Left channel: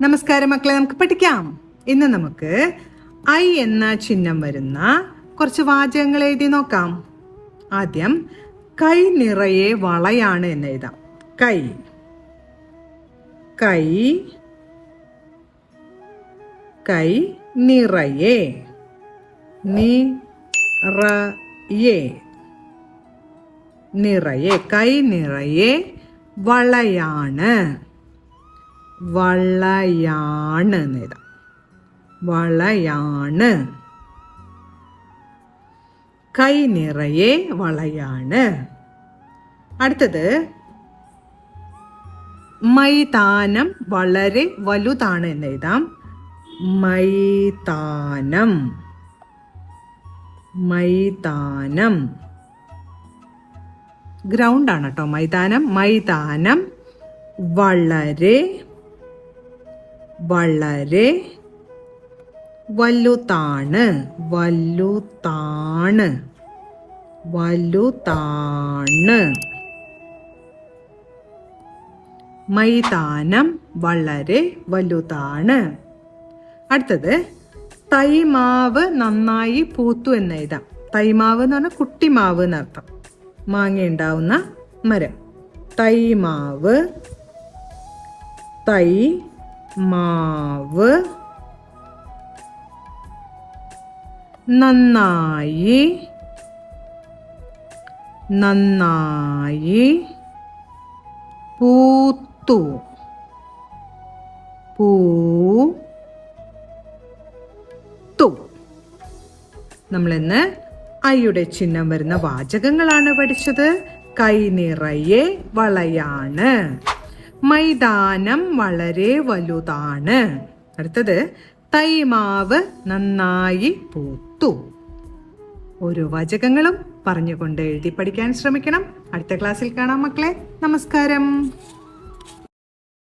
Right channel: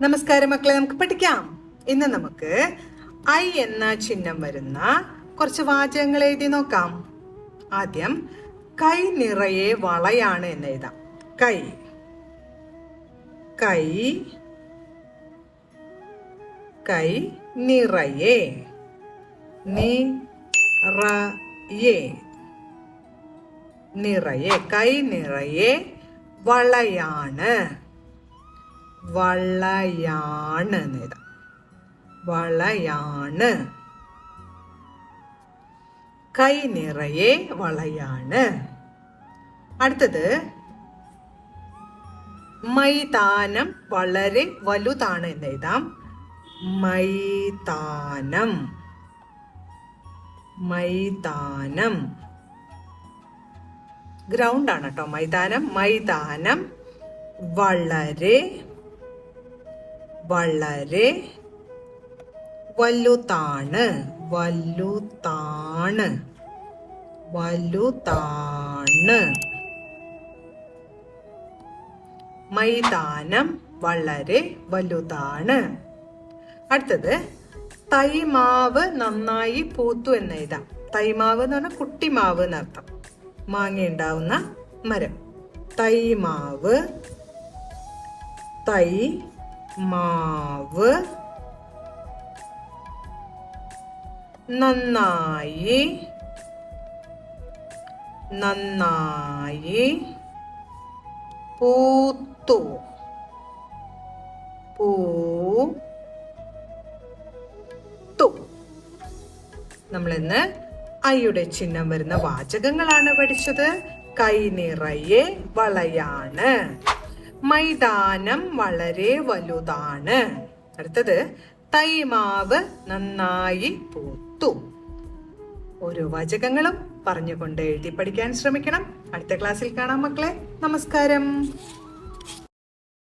നമസ്കാരം മക്കളെ, നമുക്ക് പഠിക്കാം. ഇന്ന് നമുക്ക് ഐ എന്ന ചിഹ്നം വരുന്ന കുറച്ച് വാചകങ്ങൾ എഴുതി നോക്കാം. ആദ്യം കൈ നിറയെ വളയാണ് എന്ന് എഴുതാം. കൈ കൈ കൈ നിറയെ നിറയെ നിറയെ കൈ നിറയെ വളയാണ് വളയാണ് എന്നെഴുതാം. വളയാണ് കൈ നിറയെ വളയാണ്. അടുത്തത് മൈതാനം വളരെ വലുതാണ് എന്നെഴുതാം. മൈതാനം മൈതാനം ഗ്രൗണ്ട് ആണ് കേട്ടോ. മൈതാനം മൈതാനം വളരെ വളരെ വലുതാണ് വലുതാണ് വലുതാണ് മൈതാനം വളരെ വലുതാണ്. അടുത്തത് തൈമാവ് നന്നായി പൂത്തു എന്ന് എഴുതാം. തൈമാവ് എന്ന് പറഞ്ഞാൽ കുട്ടിമാവ് എന്നർത്ഥം. മാങ്ങ ഉണ്ടാവുന്ന മരം. തൈമാവ് തൈമാവ് നന്നായി നന്നായി പൂത്തു പൂത്തു. നമ്മളിന്ന് ഐയുടെ ചിഹ്നം വരുന്ന വാചകങ്ങളാണ് പഠിച്ചത്. കൈ നിറയെ വളയാണ്. മൈതാനം വളരെ വലുതാണ്. അടുത്തത് തൈമാവ് നന്നായി പൂത്തു. ഓരോ വാചകങ്ങളും പറഞ്ഞുകൊണ്ട് എഴുതി പഠിക്കാൻ ശ്രമിക്കണം. അടുത്ത ക്ലാസ്സിൽ കാണാം മക്കളെ. നമസ്കാരം.